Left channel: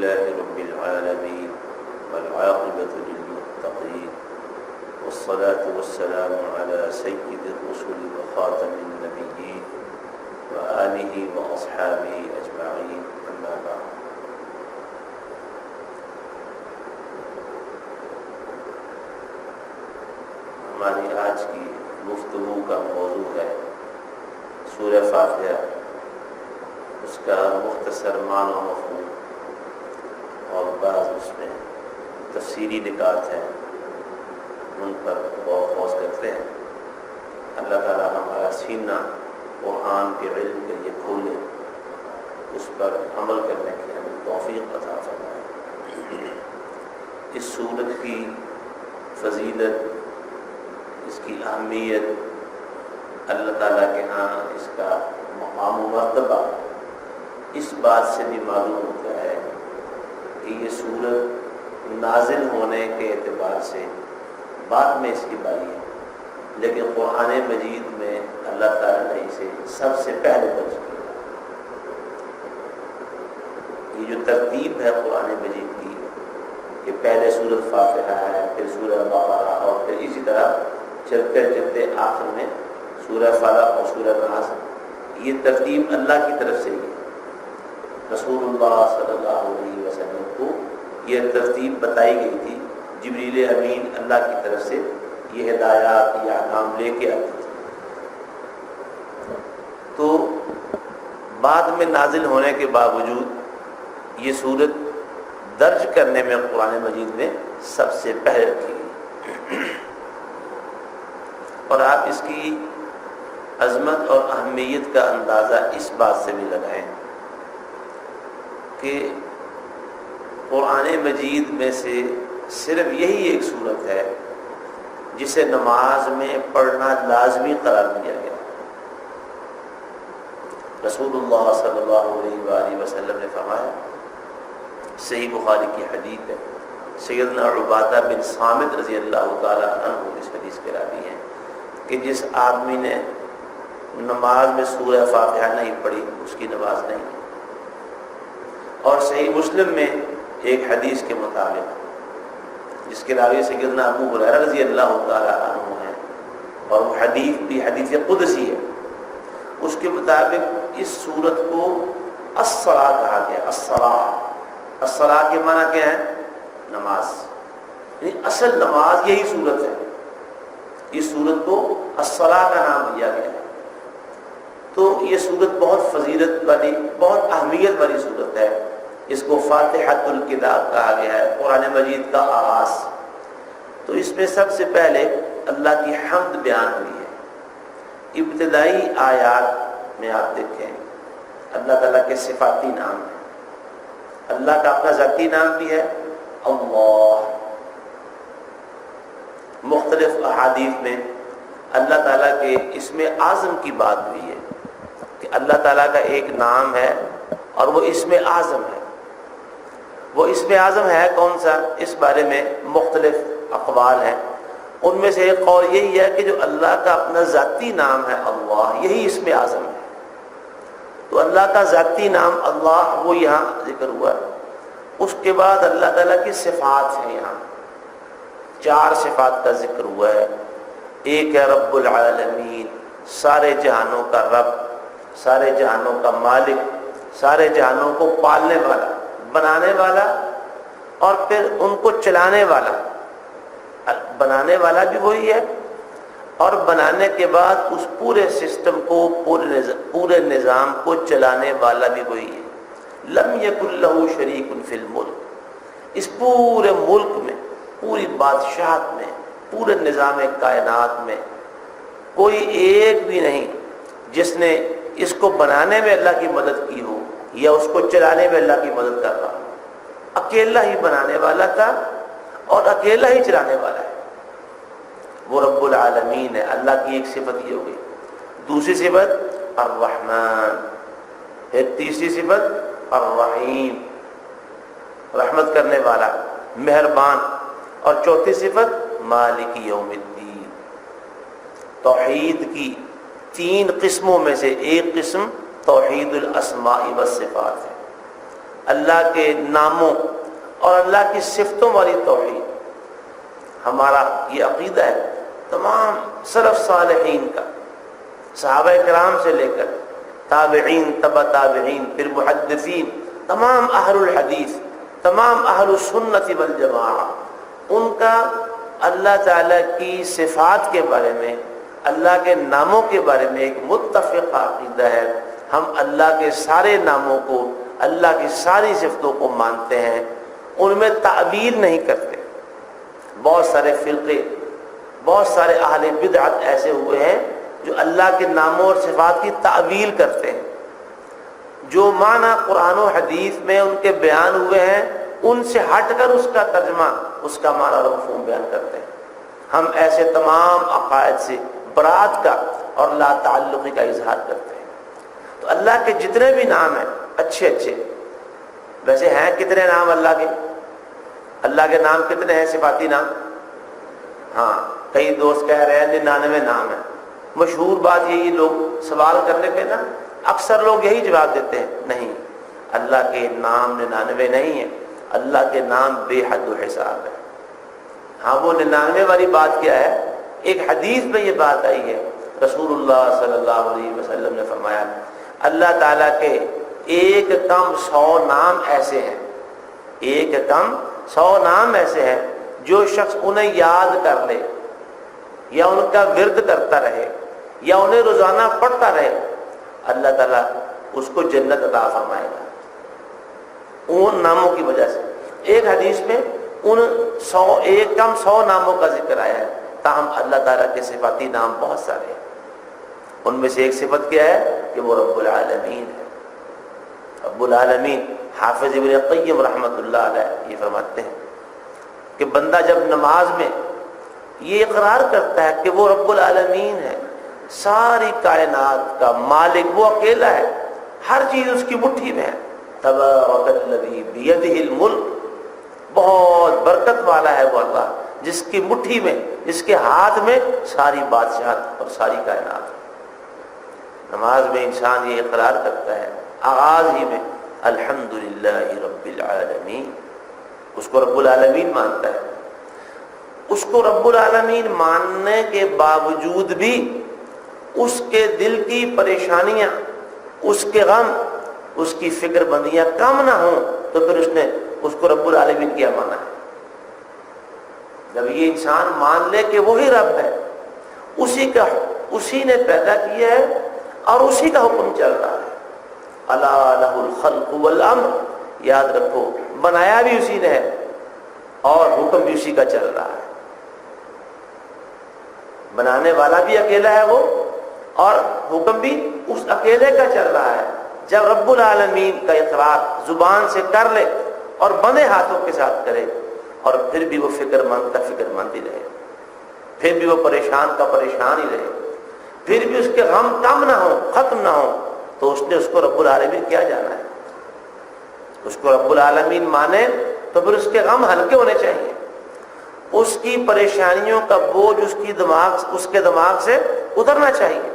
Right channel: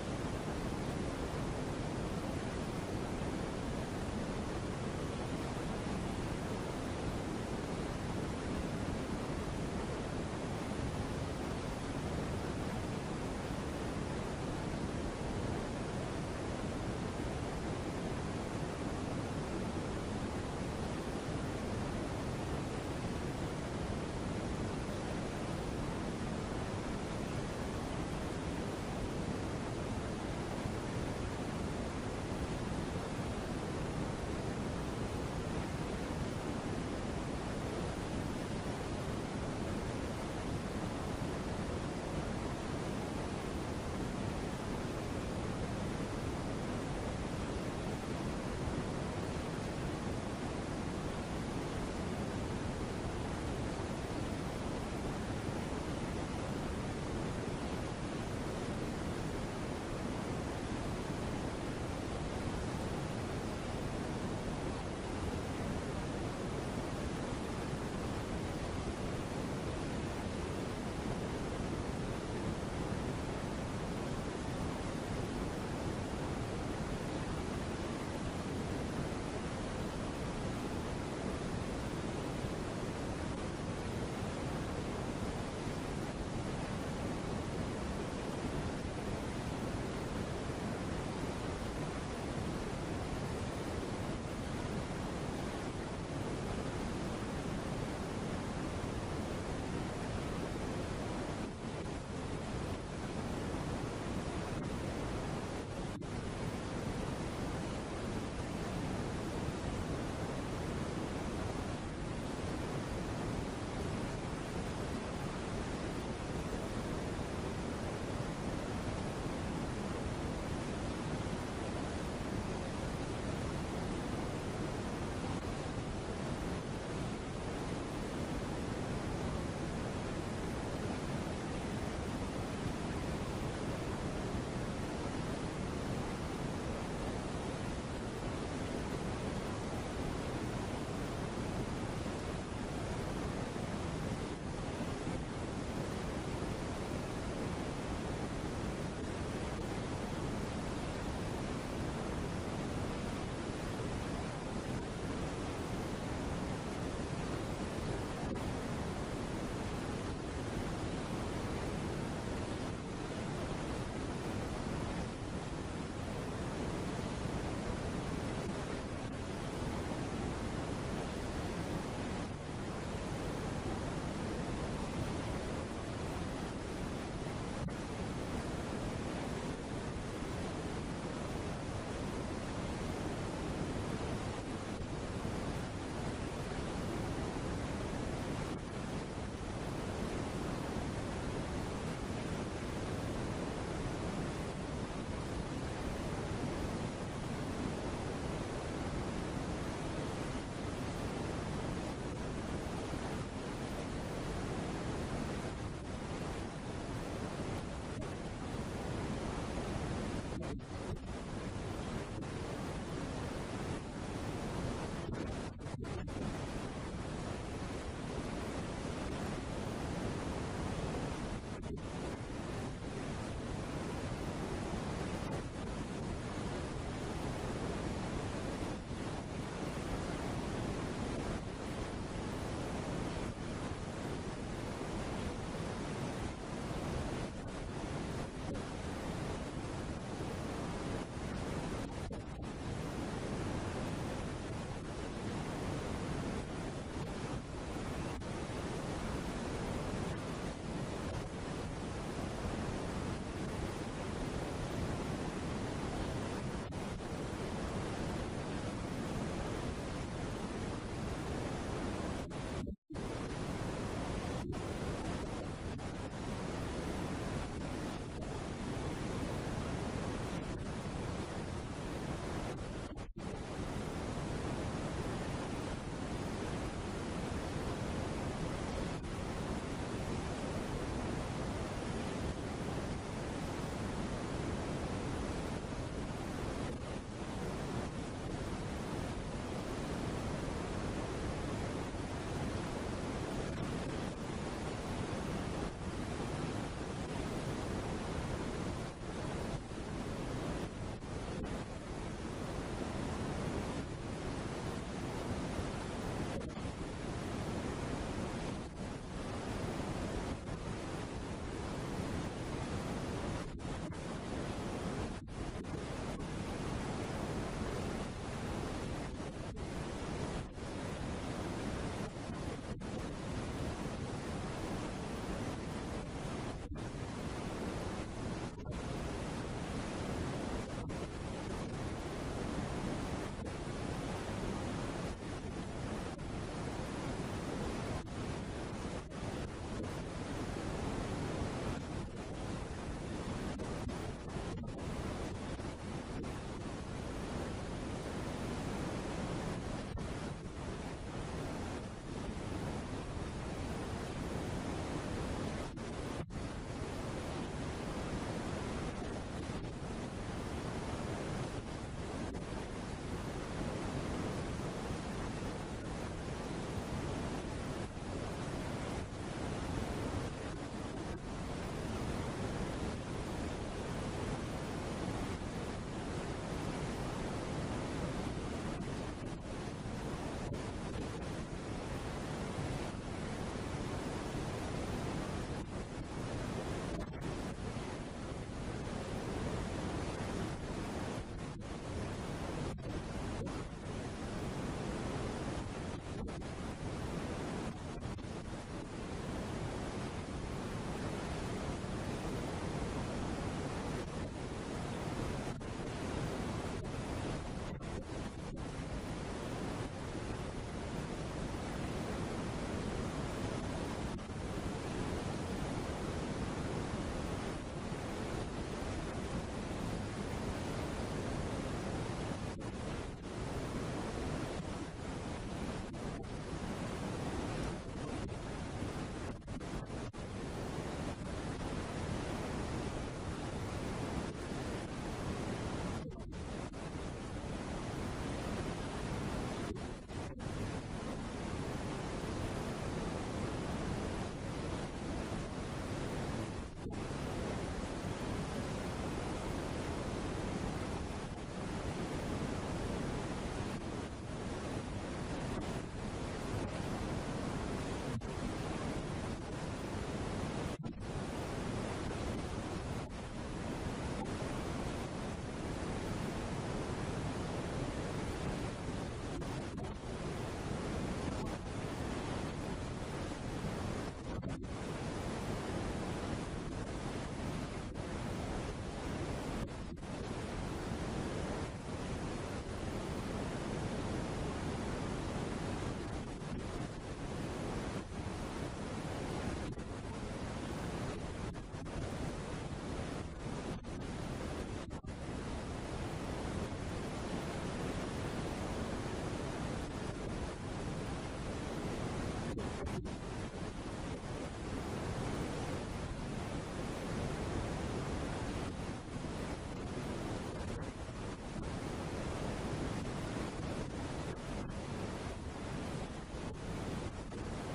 لله رب العالمين والعاقبة للمتقين والصلاة والسلام على سيد الرسل وخاتم النبيين وآله وأصحابه أجمعين أما بعد. ہماری آج کی گفتگو کا موضوع ہے سورہ فاتحہ، اس کا مختصر معنی و مفہوم اور بعض اس میں تفصیلی نکات ہیں، ان پر غور و خوض کرتے ہیں. اللہ تعالیٰ ہمارا سینہ قرآن کے علم کے لیے کھولے، اس پر عمل کرنے کی ہمیں توفیق عطا فرمائے. اس سورت کی فضیلت، اس کی اہمیت، اللہ تعالیٰ کے ہاں اس کا مقام و مرتبہ اس بات سے بھی معلوم ہوتا ہے کہ یہ سورت نازل ہونے کے اعتبار سے بعد میں اس کی باری ہے، لیکن قرآن مجید میں اللہ تعالیٰ نے اسے سب سے پہلے درج کیا. یہ جو ترتیب ہے قرآن مجید کی کہ پہلے سورۃ فاتحہ ہے، پھر سورۃ بقرہ، اور پھر اسی طرح چلتے چلتے آخر میں سورہ فلق اور سورہ ناس، یہ ترتیب اللہ کی طرف سے ہے. رسول اللہ صلی اللہ علیہ وسلم کو یہ ترتیب بتائی گئی تھی. جبریل امین اللہ کی طرف سے یہ ہدایات، یہ احکام لے کے آتے تھے. تو بعد میں نازل ہونے کے باوجود یہ سورت درج کرنے میں قرآن مجید میں سب سے پہلے رکھی گئی. اور آپ اس کی عظمت اور اہمیت کا اندازہ اس بات سے بھی لگائیں کہ قرآن مجید میں سے صرف یہی ایک صورت ہے جسے نماز میں پڑھنا لازمی قرار دیا گیا. رسول اللہ صلی اللہ علیہ وآلہ وسلم نے فرمایا، صحیح بخاری کی حدیث ہے، سیدنا عبادہ بن صامت رضی اللہ تعالیٰ عنہ اس حدیث کے راوی ہیں کہ جس آدمی نے نماز میں سورہ فاتحہ نہیں پڑھی اس کی نماز نہیں. اور صحیح مسلم میں ایک حدیث کے مطابق جس کے راوی سیدنا ابو ہریرہ رضی اللہ تعالیٰ عنہ ہیں، اور وہ حدیث بھی حدیث قدسی ہے، اس کے مطابق اس سورت کو الصلاۃ کہا گیا. الصلاۃ کے معنی کیا ہے؟ نماز. یعنی اصل نماز یہی سورت ہے. اس سورت کو الصلاۃ کا نام دیا گیا ہے. تو یہ سورت بہت فضیلت والی، بہت اہمیت والی سورت ہے. اس کو فاتحۃ الکتاب کہا گیا ہے، قرآن مجید کا آغاز. تو اس میں سب سے پہلے اللہ کی حمد بیان ہوئی ہے. ابتدائی آیات میں آپ دیکھیں اللہ تعالیٰ کے صفاتی نام ہیں. اللہ کا اپنا ذاتی نام بھی ہے اللہ. مختلف احادیث میں اللہ تعالیٰ کے اسم اعظم کی بات ہوئی ہے کہ اللہ تعالیٰ کا ایک نام ہے اور وہ اسم اعظم ہے. وہ اسم اعظم ہے کون سا؟ اس بارے میں مختلف اقوال ہیں. ان میں سے ایک قول یہی ہے کہ جو اللہ کا اپنا ذاتی نام ہے اللہ، یہی اسم اعظم ہے. تو اللہ کا ذاتی نام اللہ وہ یہاں ذکر ہوا ہے. اس کے بعد اللہ تعالیٰ کی صفات ہیں. یہاں 4 صفات کا ذکر ہوا ہے. ایک ہے رب العالمین، سارے جہانوں کا رب، سارے جہانوں کا مالک، سارے جہانوں کو پالنے والا، بنانے والا، اور پھر ان کو چلانے والا. بنانے والا بھی وہی ہے، اور بنانے کے بعد اس پورے سسٹم کو، پورے نظام کو چلانے والا بھی وہی ہے. لم یکن لہ شریک فی الملک. اس پورے ملک میں، پوری بادشاہت میں، پورے نظام کائنات میں کوئی ایک بھی نہیں جس نے اس کو بنانے میں اللہ کی مدد کی ہو یا اس کو چلانے میں اللہ کی مدد کر رہا. اکیلا ہی بنانے والا تھا اور اکیلا ہی چلانے والا ہے. وہ رب العالمین ہے. اللہ کی ایک صفت یہ ہو گئی. دوسری صفت الرحمن، پھر تیسری صفت الرحیم، رحمت کرنے والا، مہربان، اور چوتھی صفت مالک یوم الدین. توحید کی 3 قسموں میں سے ایک قسم توحید الاسماء والصفات ہے. اللہ کے ناموں اور اللہ کی صفتوں والی توحید. ہمارا یہ عقیدہ ہے تمام سلف صالحین کا، صحابہ کرام سے لے کر تابعین، تبع تابعین، پھر محدثین، تمام اہل الحدیث، تمام اہل السنت والجماعہ، ان کا اللہ تعالیٰ کی صفات کے بارے میں، اللہ کے ناموں کے بارے میں ایک متفق عقیدہ ہے. ہم اللہ کے سارے ناموں کو، اللہ کی ساری صفتوں کو مانتے ہیں، ان میں تعویل نہیں کرتے. بہت سارے فرقے، بہت سارے اہل بدعت ایسے ہوئے ہیں جو اللہ کے ناموں اور صفات کی تعویل کرتے ہیں. جو معنی قرآن و حدیث میں ان کے بیان ہوئے ہیں ان سے ہٹ کر اس کا ترجمہ، اس کا معنی اور مفہوم بیان کرتے ہیں. ہم ایسے تمام عقائد سے برات کا اور لا تعلقی کا اظہار کرتے ہیں. تو اللہ کے جتنے بھی نام ہیں اچھے اچھے، ویسے ہیں کتنے نام اللہ کے؟ اللہ کے نام کتنے ہیں صفاتی نام؟ ہاں، کئی دوست کہہ رہے ہیں 99 نام ہیں. مشہور بات یہی، لوگ سوال کرنے پہ نا اکثر لوگ یہی جواب دیتے ہیں، نہیں، اللہ کے نام 99 نہیں ہیں، اللہ کے نام بے حد و حساب ہے. ہاں، وہ 99 والی بات کیا ہے؟ ایک حدیث میں یہ بات آئی ہے، رسول اللہ صلی اللہ علیہ وسلم نے فرمایا اللہ تعالیٰ کے ایک کم 100 نام ایسے ہیں، ایک کم 100 نام ایسے ہیں جو شخص انہیں یاد کر لے یا ان کا ورد کرتا رہے یا انہیں روزانہ پڑھتا رہے، اللہ تعالیٰ اس کو جنت عطا فرمائے گا ان ناموں کی وجہ سے. ایک حدیث میں ان 100 ایک کم 100 ناموں کا ذکر آیا ہے، تاہم اللہ تعالیٰ کے صفاتی نام بہت سارے ہیں. ان میں سے ایک صفت کیا ہے کہ وہ رب العالمین ہے. رب العالمین، حافظ ابن قیم رحمۃ اللہ علیہ یہ فرماتے ہیں کہ بندہ جب نماز میں یہ اقرار کرتا ہے کہ وہ رب العالمین ہے، ساری کائنات کا مالک وہ اکیلا ہے، ہر چیز اس کی مٹھی میں ہے، تبارک الذی بیدہ الملک، بہت برکت والا ہے وہ اللہ جس کی مٹھی میں، جس کے ہاتھ میں ساری بادشاہت اور ساری کائنات. نماز میں انسان یہ اقرار کرتا ہے آغاز ہی میں الحمدللہ رب العالمین، اس کو رب العالمین مانتا ہے. اس کو رب العالمین ماننے کے باوجود بھی اس کے دل کی پریشانیاں، اس کے غم، اس کی فکر بندیاں کم نہ ہوں تو پھر اس نے اس کو رب العالمین کیا مانا ہے. جب یہ انسان مان لے کہ وہی رب ہے، اسی نے پیدا کیا ہے اور اسی کا حکم چل رہا ہے. الا لہ الخلق والامر، یاد رکھو بنایا بھی اسی نے ہے اور حکم بھی اسی کا چل رہا ہے. بنانے والا بھی اکیلا ہے وہ اور حکم بھی اس اکیلے کا چل رہا ہے. جب رب العالمین کا اقرار زبان سے کر لے اور بندے ہاتھوں کے ساتھ کرے اور پھر بھی وہ فکر مند کا فکر مند ہی رہے، پھر بھی وہ پریشان کا پریشان ہی رہے، پھر بھی اس کے غم کم نہ ہو، ختم نہ ہو، تو اس نے اس کو رب العالمین کیا جانا ہے. اس کو رب العالمین مانے تو پھر اس کے غم ہلکے ہونے چاہیے، اس کی پریشانیوں کا بوجھ اس کے دماغ سے اترنا چاہیے.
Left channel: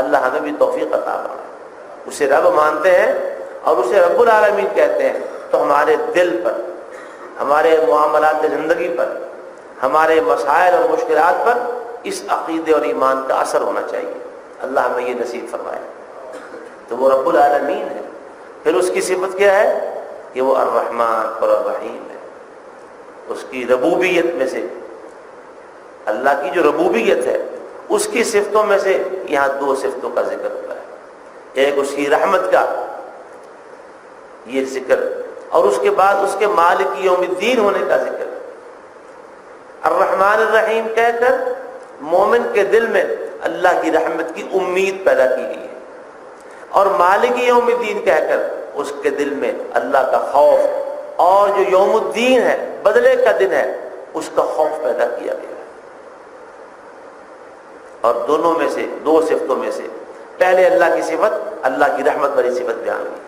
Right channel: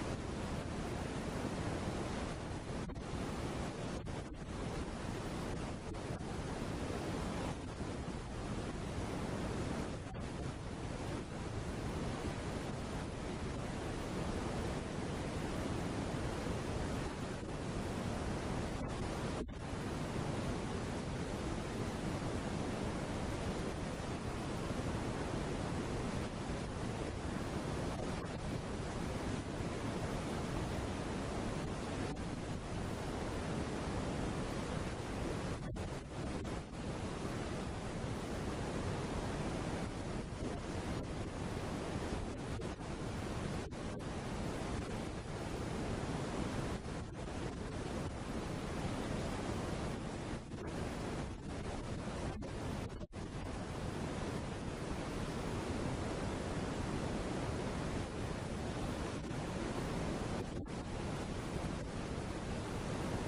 اللہ ہمیں بھی توفیق عطا فرمائے. اسے رب مانتے ہیں اور اسے رب العالمین کہتے ہیں تو ہمارے دل پر، ہمارے معاملات زندگی پر، ہمارے مسائل اور مشکلات پر اس عقیدے اور ایمان کا اثر ہونا چاہیے. اللہ ہمیں یہ نصیب فرمائے. تو وہ رب العالمین ہے. پھر اس کی صفت کیا ہے کہ وہ الرحمن اور الرحیم ہے. اس کی ربوبیت میں سے، اللہ کی جو ربوبیت ہے اس کی صفتوں میں سے یہاں 2 صفتوں کا ذکر ہوتا ہے. ایک اس کی رحمت کا یہ ذکر اور اس کے بعد اس کے مالک یوم الدین ہونے کا ذکر. الرحمن الرحیم کہہ کر مومن کے دل میں اللہ کی رحمت کی امید پیدا کی گئی ہے، اور مالک یوم الدین کہہ کر اس کے دل میں اللہ کا خوف اور جو یوم الدین ہے، بدلے کا دن ہے، اس کا خوف پیدا کیا گیا. اور دونوں میں سے 2 صفتوں میں سے پہلے اللہ کی صفت، اللہ کی رحمت والی صفت بیان کی.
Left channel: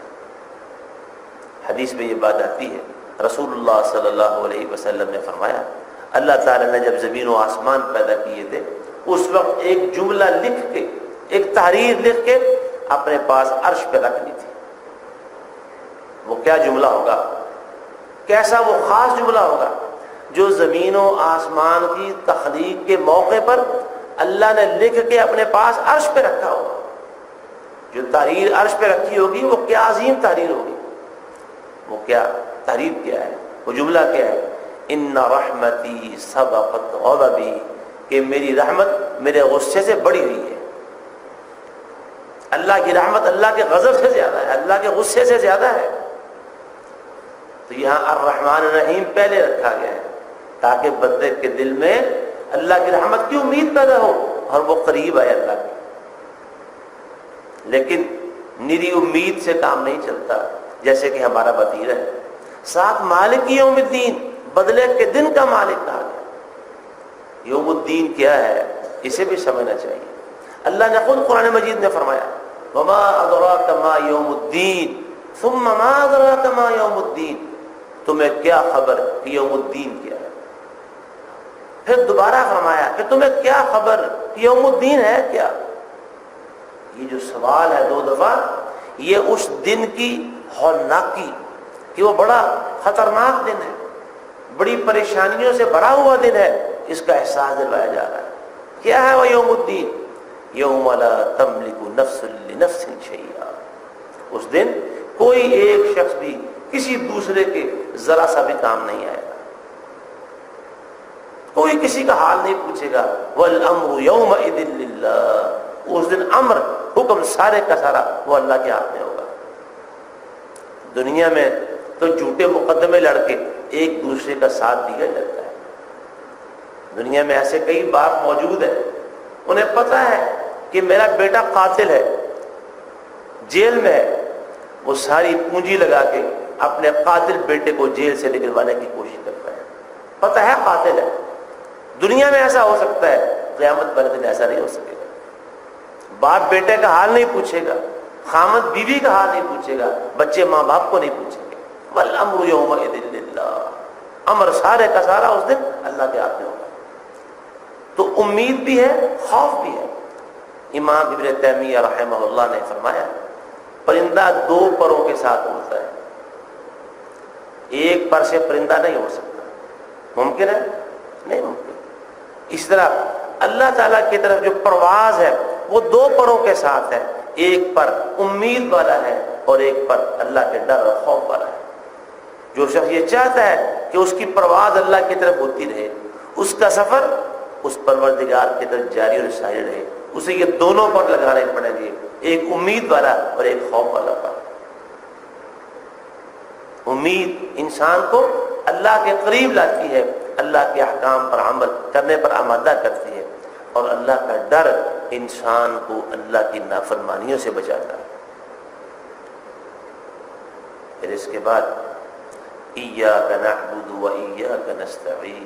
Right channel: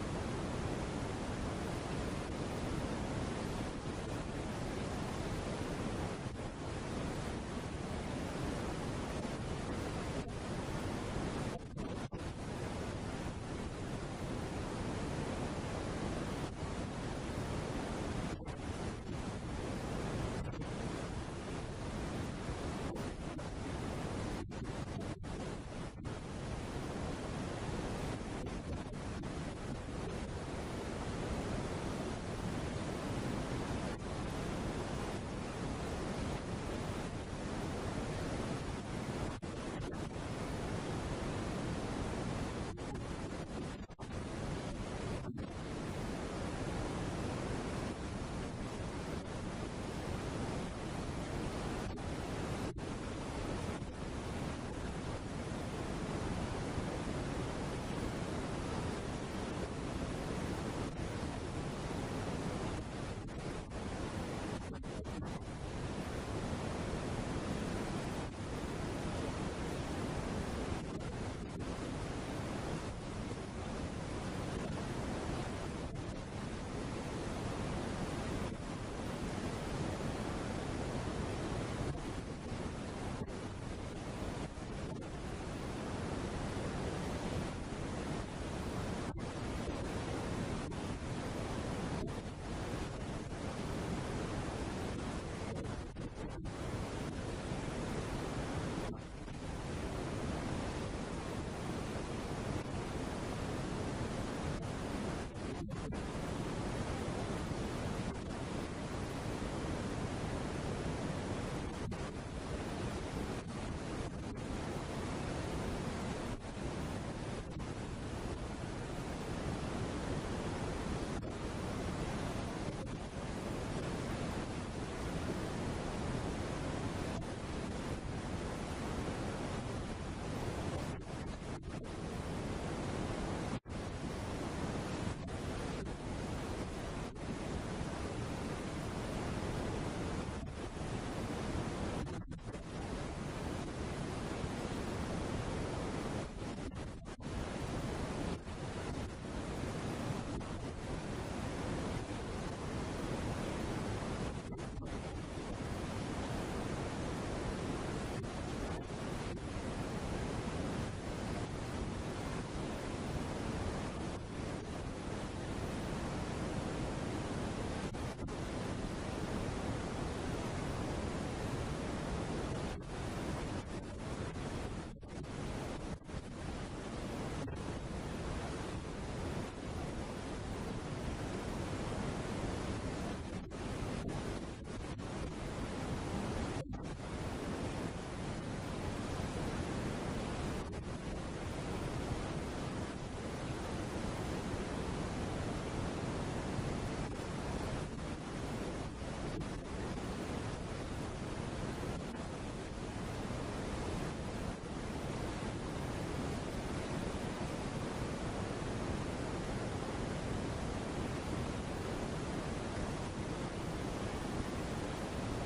حدیث میں یہ بات آتی ہے، رسول اللہ صلی اللہ علیہ وسلم نے فرمایا اللہ تعالیٰ نے جب زمین و آسمان پیدا کیے تھے اس وقت ایک جملہ لکھ کے، ایک تحریر لکھ کے اپنے پاس عرش پہ رکھ لی تھی. وہ کیا جملہ ہوگا، کیسا وہ خاص جملہ ہوگا جو زمین و آسمان کی تخلیق کے موقع پر اللہ نے لکھ کے اپنے پاس عرش پہ رکھا ہوگا. جو تحریر عرش پہ رکھی ہوگی وہ کیا عظیم تحریر ہوگی، وہ کیا تحریر کیا ہے، وہ جملہ کیا ہے، ان رحمتی سبقت غضبی، کہ میری رحمت میرے غصے سے بڑی ہوئی ہے. اللہ کی رحمت اللہ کے غضب سے زیادہ ہے، اللہ کے غصے سے زیادہ ہے. تو یہاں الرحمن الرحیم پہلے رکھا گیا ہے تاکہ بندے کے دل میں اللہ کی رحمت کی امید پیدا ہو اور وہ قریب آئے اللہ کے. لیکن نری امید سے کام نہیں چلتا، جیسے کہ ہمارا وزیر ہے، ساتھ مالک یوم الدین، بدلے کے دن کا مالک کہا گیا. یوم الدین کیا ہے اسے بھی سمجھنا چاہیے. اللہ نے خود قرآن مجید میں فرمایا وما ادراک ما یوم الدین ثم ما ادراک ما یوم الدین، تمہیں کیا خبر کہ یوم الدین کیا ہے. پھر دوبارہ فرمایا کہ تمہیں کیا خبر کہ یوم الدین ہے کیا. یہ جو سوال ہے 2 دفعہ، یہ اس دن کی ہولناکی کہ وہ بڑا خطرناک دن ہے، بڑی پریشانیوں سے بھرا ہوا دن ہے، اس کا احساس دلوایا جا رہا ہے. کیا ہے وہ یوم الدین؟ یوم لا تملک نفس لنفس شیئا، اس دن کوئی ایک شخص بھی کسی دوسرے کے ذرا سا بھی کام نہیں آئے گا، کوئی کسی کا حال نہیں پوچھے گا. والامر یومئذ للہ، اس دن امر حکم سارے کا سارا وہ اللہ کے ہاتھ میں ہوگا. دنیا میں تو جھوٹے مقدمے لڑ کے ایک دوسرے کا ساتھ دیا جاتا ہے. دنیا میں ایسے کئی باپ موجود ہیں، انہیں پتہ ہے کہ میرا بیٹا قاتل ہے، جیل میں ہے، وہ ساری پونجی لگا کے اپنے قاتل بیٹے کو جیل سے نکلوانے کی کوشش کرتا ہے. پتہ ہے قاتل ہے. دنیا میں ایسا ہو سکتا ہے، قیامت والے دن ایسا نہیں ہو سکے گا. باپ بیٹے کا حال نہیں پوچھے گا، خامد بیوی کا حال نہیں پوچھے گا، بچے ماں باپ کو نہیں پوچھیں گے. والامر یومئذ للہ، امر سارے کا سارا اس دن اللہ کے ہاتھ میں ہوگا. تو امید بھی ہے، خوف بھی ہے. امام ابن تیمیہ رحمہ اللہ نے فرمایا پرندہ 2 پروں کے ساتھ اڑتا ہے، ایک پر سے پرندہ نہیں اڑ سکتا. ممکن ہے؟ نہیں ممکن. اس طرح اللہ تعالیٰ کی طرف جو پرواز ہے وہ 2 پروں کے ساتھ ہے، ایک پر امید والا ہے اور ایک پر اللہ کے ڈر اور خوف والا ہے. جو شخص یہ چاہتا ہے کہ اس کی پرواز اللہ کی طرف ہوتی رہے، اس کا سفر اس پروردگار کی طرف جاری اور ساری رہے، اسے یہ دونوں پر لگانے پڑیں گے، ایک امید والا اور ایک خوف والا پر. امید انسان کو اللہ کے قریب لاتی ہے، اللہ کے احکام پر عمل کرنے پر آمادہ کرتی ہے، اور اللہ کا ڈر انسان کو اللہ کی نافرمانیوں سے بچاتا ہے. پھر اس کے بعد ایاک نعبد و ایاک نستعین،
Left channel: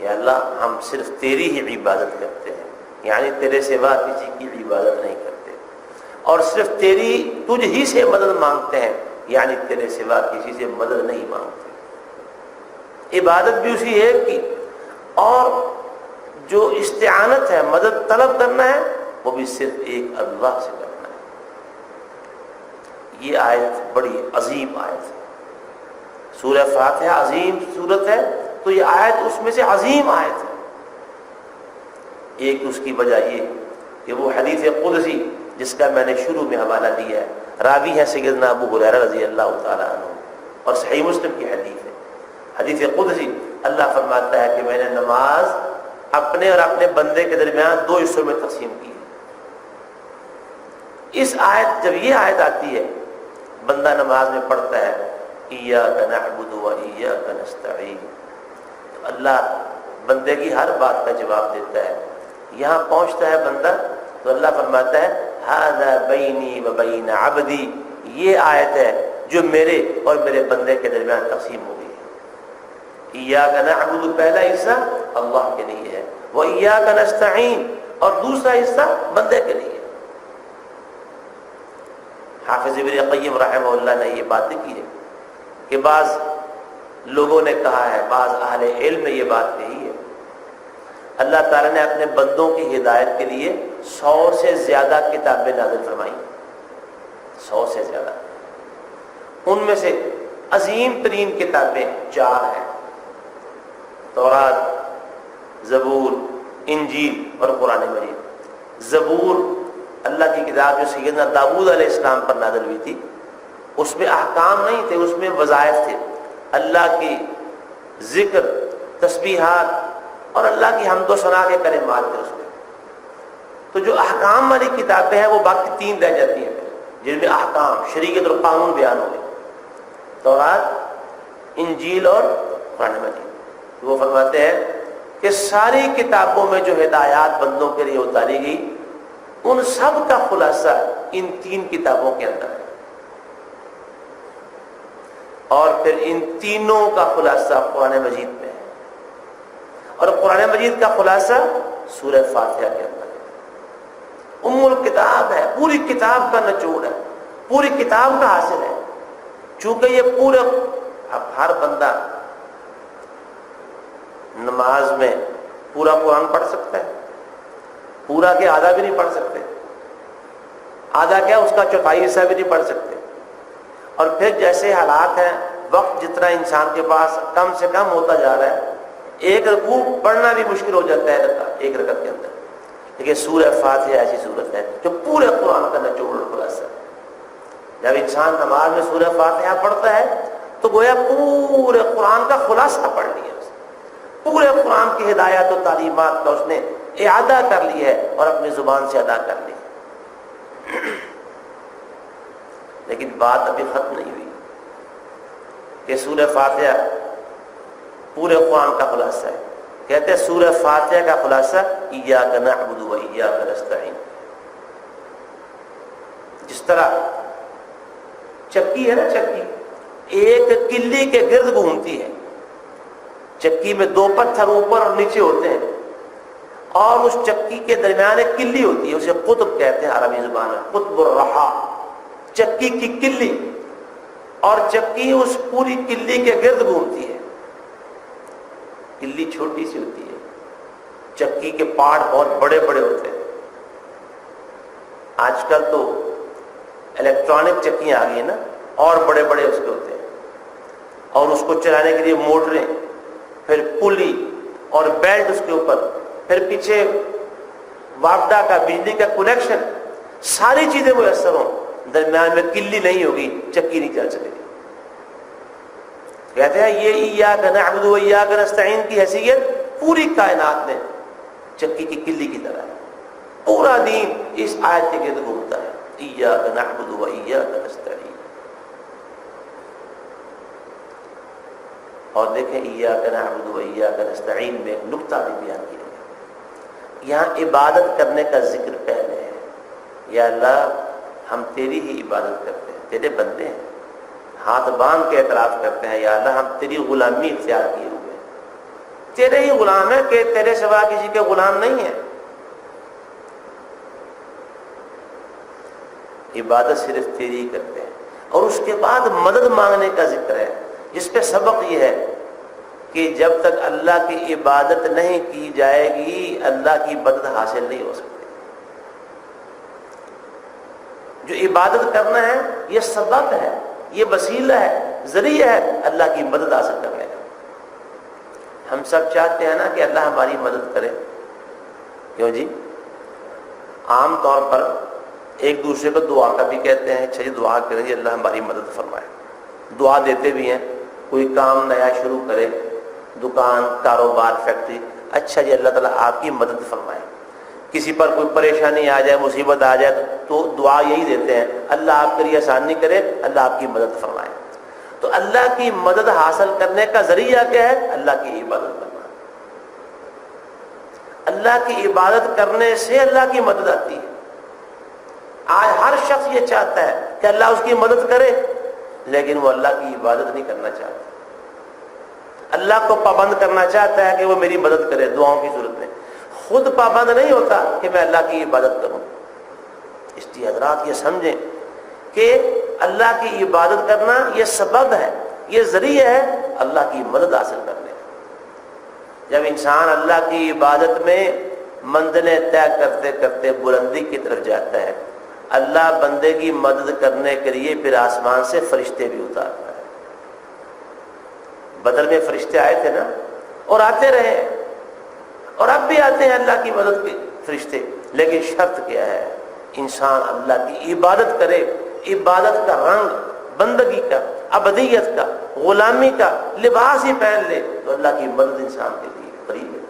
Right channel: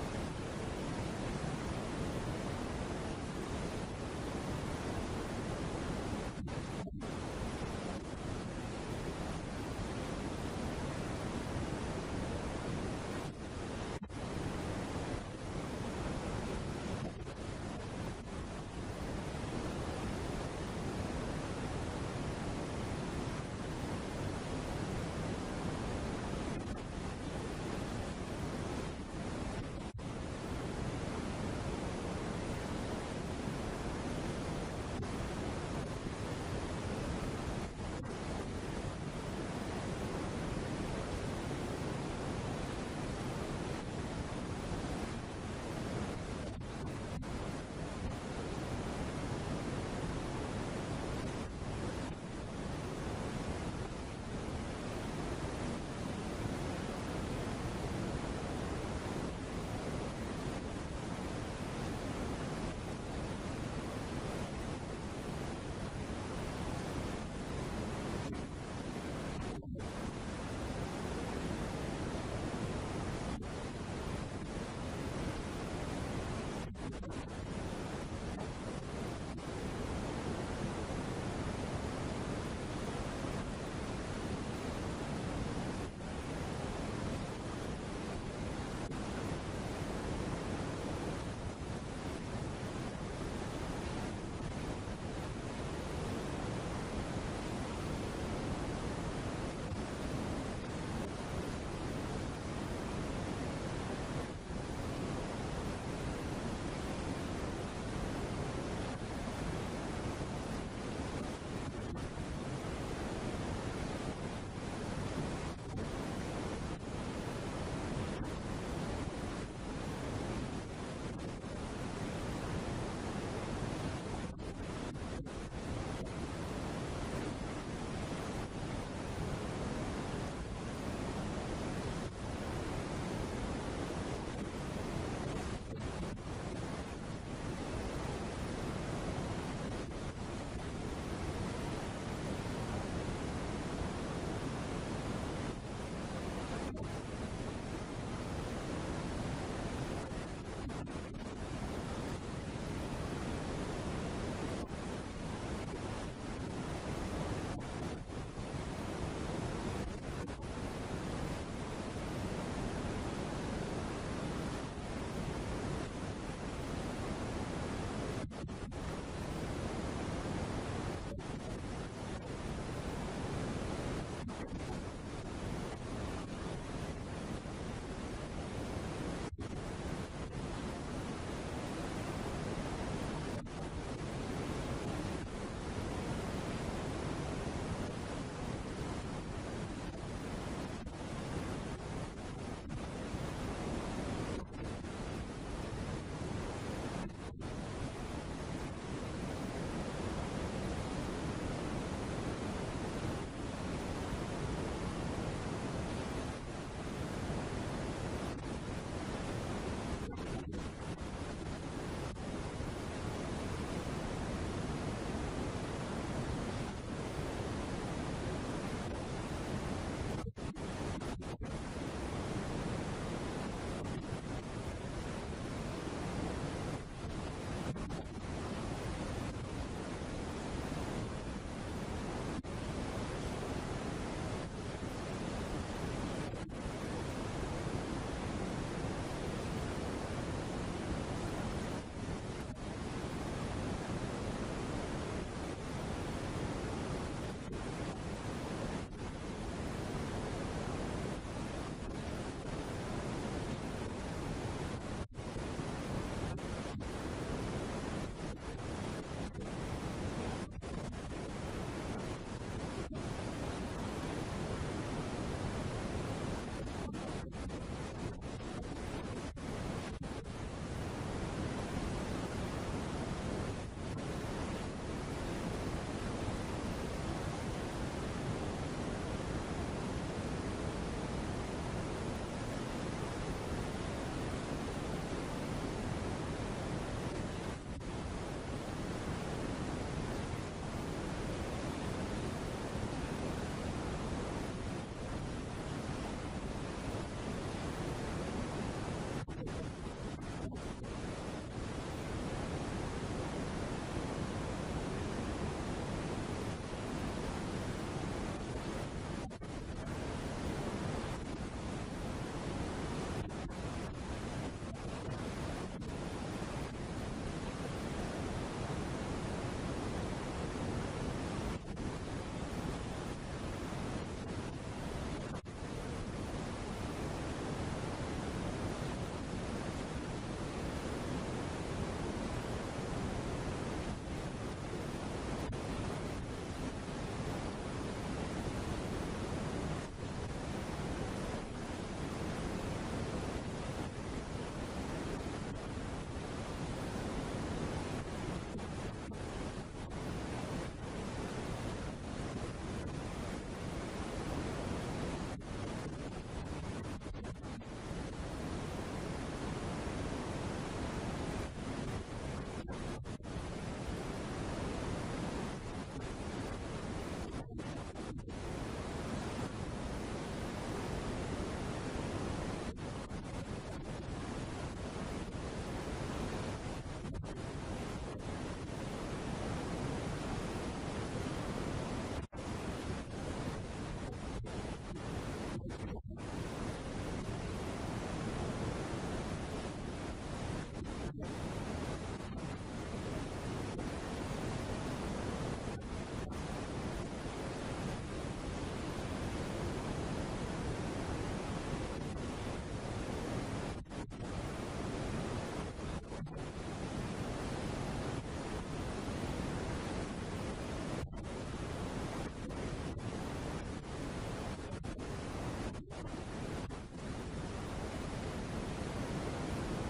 یا اللہ ہم صرف تیری ہی عبادت کرتے ہیں، یعنی تیرے سوا کسی کی عبادت نہیں کرتے، اور صرف تجھ ہی سے مدد مانگتے ہیں، یعنی تیرے سوا کسی سے مدد نہیں مانگتے. عبادت بھی اسی ایک کی، اور جو استعانت ہے، مدد طلب کرنا ہے، وہ بھی صرف ایک اللہ سے کرنا ہے. یہ آیت بڑی عظیم آیت ہے. سورہ فاتحہ عظیم سورت ہے، تو یہ آیت اس میں سے عظیم آیت ہے. ایک اس کی وجہ یہ کہ وہ حدیث قدسی جس کا میں نے شروع میں حوالہ دیا ہے، راوی ہے سیدنا ابو ہریرہ رضی اللہ تعالیٰ عنہ، اور صحیح مسلم کی حدیث ہے. حدیث قدسی اللہ فرماتا ہے کہ میں نے نماز اپنے اور اپنے بندے کے درمیان 2 حصوں میں تقسیم کی. اس آیت جب یہ آیت آتی ہے، بندہ نماز میں پڑھتا ہے ایاک نعبد و ایاک نستعین، اللہ بندے کی ہر بات کا جواب دیتا ہے. یہاں پہنچتا ہے بندہ تو اللہ فرماتا ہے ھذا بینی و بین عبدی، یہ آیت ہے جو میرے اور میرے بندے کے درمیان تقسیم ہو گئی. ایاک نعبد پہلا حصہ اللہ کے لیے ہے، و ایاک نستعین اور دوسرا حصہ بندے کے لیے. حافظ ابن قیم رحمہ اللہ نے یہ بات لکھی ہے کہ بعض لوگوں نے کہا ہے، بعض اہل علم نے یہ بات کہی ہے، اللہ تعالیٰ نے اپنے بندوں کی ہدایت کے لیے 100 سے زیادہ کتابیں نازل فرمائی، 100 سے زیادہ. ان میں سے عظیم ترین کتابیں 4 ہیں: تورات، زبور، انجیل اور قرآن مجید۔ زبور اللہ کی کتاب جو سیدنا داؤد علیہ السلام پر نازل ہوئی تھی، اس میں احکام نہیں تھے، اس میں وظائف تھے، اللہ کی ذکر، تسبیحات اور اللہ کی حمد و ثنا کے کلمات تھے اس میں۔ تو جو احکام والی کتابیں ہیں وہ باقی 3 رہ جاتی ہیں جن میں احکام، شریعت اور قانون بیان ہوئے: تورات، انجیل اور قرآن مجید۔ وہ فرماتے ہیں کہ ساری کتابوں میں جو ہدایات بندوں کے لیے اتاری گئی، ان سب کا خلاصہ ان 3 کتابوں کے اندر ہے، اور پھر ان تینوں کا خلاصہ قرآن مجید میں ہے، اور قرآن مجید کا خلاصہ سورہ فاتحہ کے اندر ہے۔ ام الکتاب ہے، پوری کتاب کا نچوڑ ہے، پوری کتاب کا حاصل ہے۔ چونکہ یہ پورے، اب ہر بندہ نماز میں پورا قرآن پڑھ سکتا ہے، پورا کے آدھا بھی نہیں پڑھ سکتے، آدھا کیا اس کا چوتھائی حصہ بھی نہیں پڑھ سکتے۔ اور پھر جیسے حالات ہیں، وقت جتنا انسان کے پاس کم سے کم ہوتا جا رہا ہے، ایک رکوع پڑھنا بھی مشکل ہو جاتا ہے ایک رکعت کے اندر۔ لیکن سورہ فاتحہ ایسی سورت ہے جو پورے قرآن کا نچوڑ خلاصہ ہے۔ جب انسان نماز میں سورہ فاتحہ پڑھتا ہے تو گویا پورے قرآن کا خلاصہ پڑھ لیا، پورے قرآن کی ہدایات و تعلیمات کا اس نے اعادہ کر لی ہے اور اپنی زبان سے ادا کر لی۔ لیکن بات ابھی ختم نہیں ہوئی کہ سورہ فاتحہ پورے قرآن کا خلاصہ ہے۔ کہتے ہیں سورہ فاتحہ کا خلاصہ ایاک نعبد و ایاک نستعین۔ جس طرح چکی ہے نا، چکی ایک کلی کے گرد گھومتی ہے، چکی میں 2 پتھر اوپر اور نیچے ہوتے ہیں، اور اس چکی کے درمیان ایک کلی ہوتی ہے، اسے قطب کہتے ہیں عربی زبان میں، قطب الرحا، چکی کی کلی، اور چکی اس پوری کلی کے گرد گھومتی ہے۔ کلی چھوٹی سی ہوتی ہے، چکی کے پارٹ بہت بڑے بڑے ہوتے ہیں۔ آج کل تو الیکٹرانک چکیاں آ گئی ہیں نا، اور بڑے بڑے اس کے ہوتے ہیں، اور اس کو چلانے کے لیے موٹریں، پھر پلی اور بیلٹ اس کے اوپر، پھر پیچھے واپڈا کا بجلی کا کنیکشن، ساری چیزیں میسر ہوں، درمیان میں کلی نہیں ہوگی، چکی نہیں چل سکے گی۔ کہتے ہیں یہ ایاک نعبد و ایاک نستعین کی حیثیت پوری کائنات میں چکی کی کلی کی طرح ہے۔ پورا دین اس آیت کے گرد گھومتا ہے، ایاک نعبد و ایاک نستعین۔ اور دیکھیں ایاک نعبد و ایاک نستعین میں ایک نکتہ بھی بیان کیا ہے۔ یہاں عبادت کرنے کا ذکر پہلے ہے، یا اللہ ہم تیری ہی عبادت کرتے ہیں، تیرے بندے ہیں، ہاتھ باندھ کے اعتراف کرتے ہیں، یا اللہ ہم تیری غلامی اختیار کیے ہوئے، تیرے ہی غلام ہیں، کہ تیرے سوا کسی کے غلام نہیں ہیں۔ عبادت صرف تیری ہی کرتے ہیں۔ اور اس کے بعد مدد مانگنے کا ذکر ہے، جس پہ سبق یہ ہے کہ جب تک اللہ کی عبادت نہیں کی جائے گی، اللہ کی مدد حاصل نہیں ہو سکتی۔ جو عبادت کرنا ہے یہ سبب ہے، یہ وسیلہ ہے، ذریعہ ہے اللہ کی مدد حاصل کرنے کا۔ ہم سب چاہتے ہیں نا کہ اللہ ہماری مدد کرے، کیوں جی؟ عام طور پر ایک دوسرے کو دعا کا بھی کہتے ہیں، اچھا جی دعا کریں جی اللہ ہماری مدد فرمائے، دعا دیتے بھی ہیں۔ کوئی کام نیا شروع کرے، دکان، کاروبار، فیکٹری، اچھا جی اللہ تعالیٰ آپ کی مدد فرمائے۔ کسی پر کوئی پریشانی آ جائے، مصیبت آ جائے تو دعا یہی دیتے ہیں، اللہ آپ کے لیے آسانی کرے، اللہ آپ کی مدد فرمائے۔ تو اللہ کی مدد حاصل کرنے کا ذریعہ کیا ہے؟ اللہ کی عبادت کرنا۔ اللہ کی عبادت کرنے سے اللہ کی مدد آتی ہے۔ آج ہر شخص یہ چاہتا ہے کہ اللہ اس کی مدد کرے، لیکن وہ اللہ کی عبادت نہیں کرنا چاہتا، اللہ کو پابند کرنا چاہتا ہے کہ وہ میری مدد کرے دعاؤں کی صورت میں، خود پابند نہیں ہوتا کہ میں اللہ کی عبادت کروں۔ اس لیے حضرات یہ سمجھیں کہ اللہ کی عبادت کرنا یہ سبب ہے، یہ ذریعہ ہے اللہ کی مدد حاصل کرنے کا۔ جب انسان اللہ کی عبادت میں منزلیں طے کرتے کرتے بلندی کی طرف جاتا ہے اللہ بندے کی مدد کرنے کے لیے پھر آسمان سے فرشتے بھی اتارتا ہے. بدر میں فرشتے آئے تھے نا، اور آتے رہے، اور اب بھی آتے ہیں اللہ کی مدد کے فرشتے. لیکن شرط کیا ہے؟ انسان اللہ کی عبادت کرے، عبادت کا رنگ، بندگی کا، عبدیت کا، غلامی کا لباس ہی پہن لے تو اللہ کی مدد انسان کے لیے قریب ہے.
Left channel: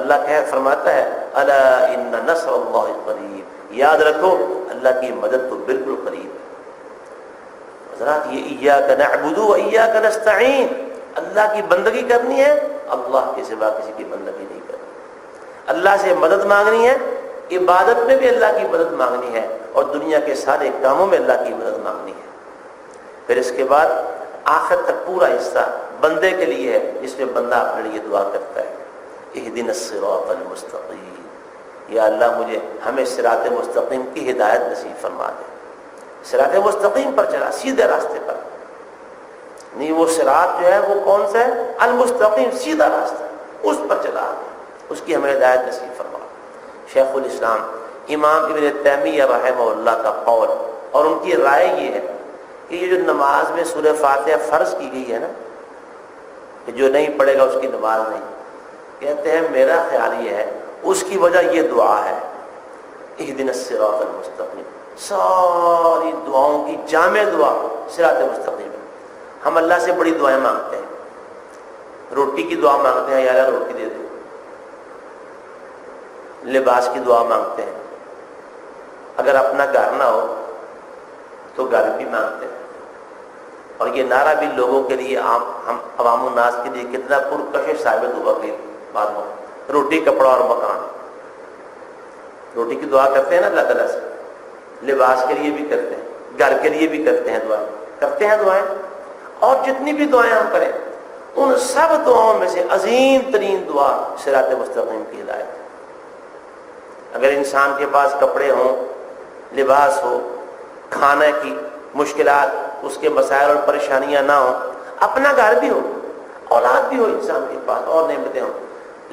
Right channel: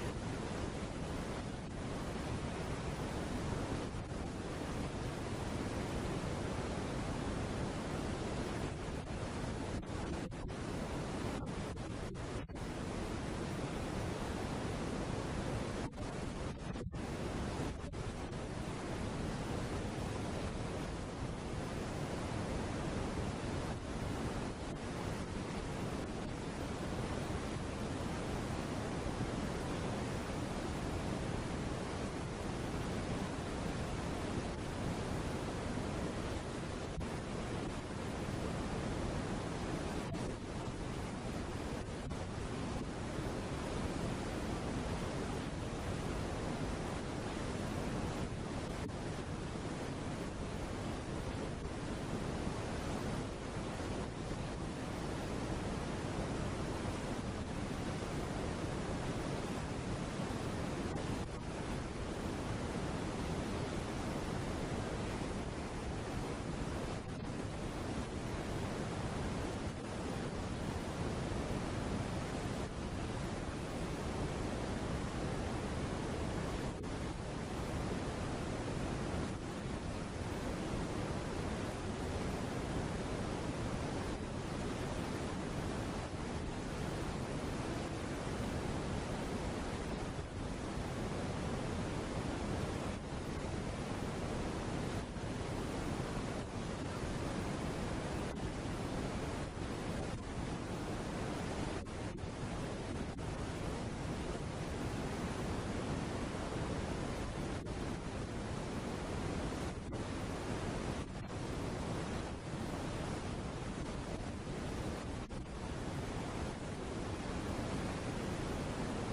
اللہ فرماتا ہے الا ان نصر اللہ قریب، یاد رکھو اللہ کی مدد تو بالکل قریب ہے. حضرات یہ ایاک نعبد و ایاک نستعین، اللہ کی بندگی کرنی ہے، اللہ کے سوا کسی کی بندگی نہیں کرنی. اللہ سے مدد مانگنی ہے، عبادت میں بھی اللہ کی مدد مانگنی ہے، اور دنیا کے سارے کاموں میں اللہ کی مدد مانگنی ہے. پھر اس کے بعد آخر تک پورا حصہ بندے کے لیے ہے، جس میں بندہ اپنے لیے دعا کرتا ہے اہدنا الصراط المستقیم، یا اللہ مجھے ہمیں صراط مستقیم کی ہدایت نصیب فرما دے. صراط مستقیم پر چلا، سیدھے راستے پر نہیں. وہ صراط جو ہے وہ کون سا ہے؟ المستقیم، سیدھا راستہ، اس پر چلا، اس کی ہمیں ہدایت نصیب فرما. شیخ الاسلام امام ابن تیمیہ رحمہ اللہ کا قول اور ان کی رائے یہ ہے کہ یہ جو نماز میں سورہ فاتحہ فرض کی گئی ہے نا، کہ جو نہیں پڑھے گا اس کی نماز نہیں. کہتے ہیں میرا خیال یہ ہے اس کی وجہ یہ دعا ہے اہدنا الصراط المستقیم. ساری دعاؤں کی جامع دعا صراط مستقیم. ہم اللہ سے بڑی دعائیں مانگتے ہیں، روٹی کی دعا مانگتے ہیں، یا اللہ روٹی دے دو. لباس کی دعا مانگتے ہیں، اگر اپنا گھر نہ ہو تو گھر بھی مانگتے ہیں. اور یہ نعرہ بھی لوگوں کے لیے ہم عوام الناس کے لیے کتنا پرکشش ثابت ہوا کہ بات ہو. روٹی، کپڑا اور مکان. روٹی کی دعا کرتے ہیں نا اللہ تعالیٰ سے، لباس کے لیے بھی کرتے ہیں، گھر کے لیے بھی کرتے ہیں دعائیں، کرتے ہیں دعائیں. اور جتنی بھی دعائیں ہم کریں ان سب دعاؤں میں سے عظیم ترین دعا صراط مستقیم کی ہدایت. اگر انسان کے پاس کپڑے ہوں، لباس ہو، کھانے کی مشکلات، اس کے مسائل اور پریشانیاں نہ ہوں، اپنا گھر بھی ہو، اولاد بھی ہو انسان کے پاس، اور نعمتیں ہوں،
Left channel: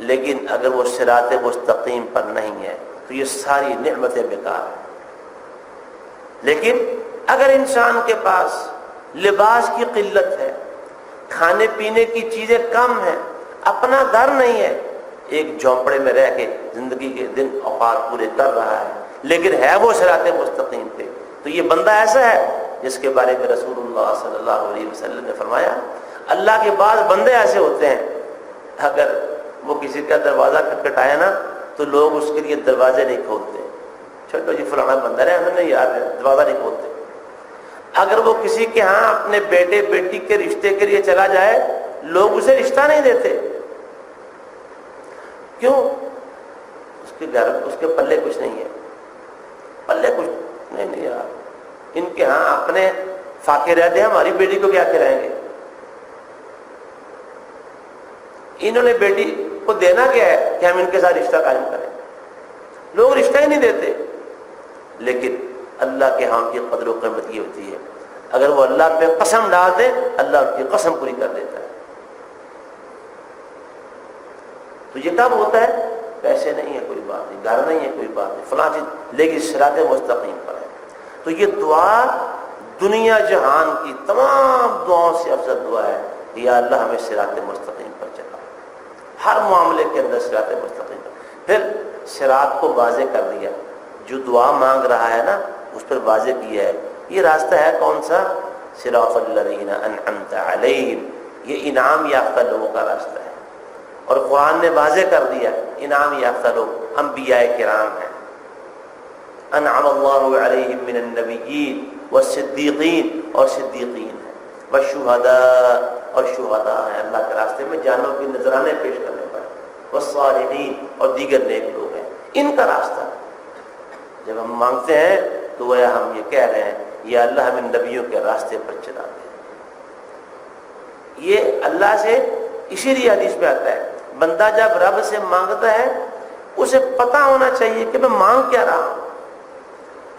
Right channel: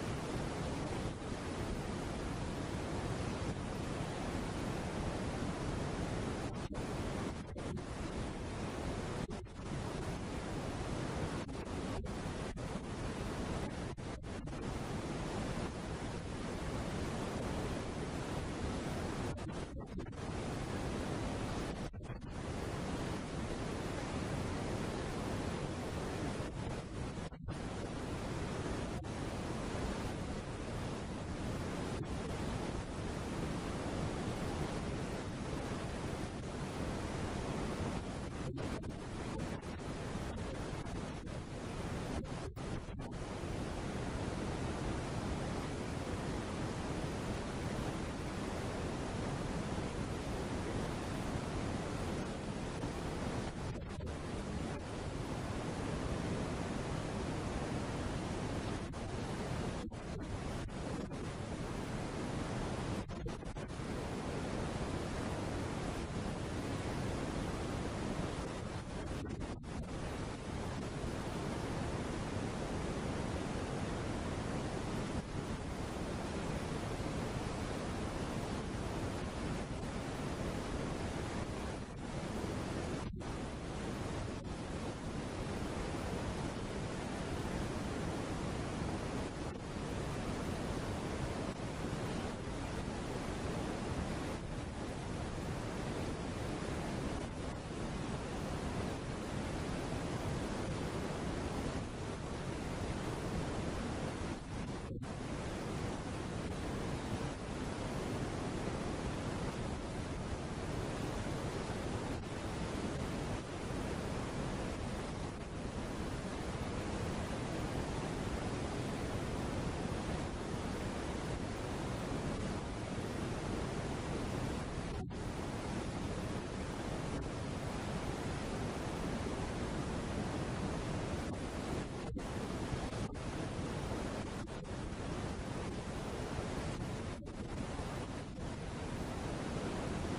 لیکن اگر وہ صراط مستقیم پر نہیں ہے تو یہ ساری نعمتیں بیکار ہیں. لیکن اگر انسان کے پاس لباس کی قلت ہے، کھانے پینے کی چیزیں کم ہیں، اپنا گھر نہیں ہے، ایک جھونپڑے میں رہ کے زندگی کے دن اوقات پورے کر رہا ہے، لیکن ہے وہ صراط مستقیم پہ، تو یہ بندہ ایسا ہے جس کے بارے میں رسول اللہ صلی اللہ علیہ وسلم نے فرمایا اللہ کے بعد بندے ایسے ہوتے ہیں اگر وہ کسی کا دروازہ کھٹکھٹایا نا تو لوگ اس کے لیے دروازے نہیں کھولتے. چھوٹو جی فلانا بندہ ہے، ہمیں نہیں یاد ہے، دروازہ نہیں کھولتے. اگر وہ کسی کے ہاں اپنے بیٹے بیٹی کے رشتے کے لیے چلا جائے لوگ اسے رشتہ نہیں دیتے. کیوں؟ اس کے گھر، اس کے پلے کچھ نہیں ہے، پلے کچھ نہیں یار، ان کے ہاں اپنے فاقے رہتے ہیں، ہماری بیٹی کو کیا کھلائیں گے؟ انہوں نے بیٹی کو دینا کیا ہے کہ ہم ان کے ساتھ رشتہ قائم کریں. لوگ رشتہ ہی نہیں دیتے. لیکن اللہ کے ہاں کی قدر و قیمت یہ ہوتی ہے اگر وہ اللہ پہ قسم ڈال دیں اللہ ان کی قسم پوری کر دیتا ہے. تو یہ کب ہوتا ہے؟ پیسے نہیں ہے کوئی بات نہیں، گھر نہیں ہے کوئی بات نہیں، فلاں چیز، لیکن صراط مستقیم پر ہے. تو یہ دعا دنیا جہان کی تمام دعاؤں سے افضل دعا ہے کہ یا اللہ ہمیں صراط مستقیم پر چلا، ہر معاملے کے اندر صراط مستقیم پر. پھر صراط کو واضح کر دیا، جو دعا مانگ رہا ہے نا اس پر واضح کیا ہے یہ راستہ ہے کون سا؟ صراط الذین انعمت علیہم، یہ انعام یافتہ لوگوں کا راستہ ہے. اور قرآن نے واضح کر دیا انعام یافتہ لوگ انبیاء کرام ہیں، انعم اللہ علیہم من النبیین والصدیقین، اور صدیقین ہیں، والشہداء، اور شہداء ہیں اللہ کے راستے میں جانوں کی نذرانے پیش کرنے پر، والصالحین، اور دیگر نیک لوگ ہیں. ان کا راستہ جب ہم مانگتے ہیں تو وہ ہم یہ کہہ رہے ہیں یا اللہ ہمیں نبیوں کے راستے پر چلا دے. یہ اللہ سے اسی لیے حدیث میں آتا ہے بندہ جب رب سے مانگتا ہے اسے پتہ ہونا چاہیے کہ میں مانگ کیا رہا ہوں.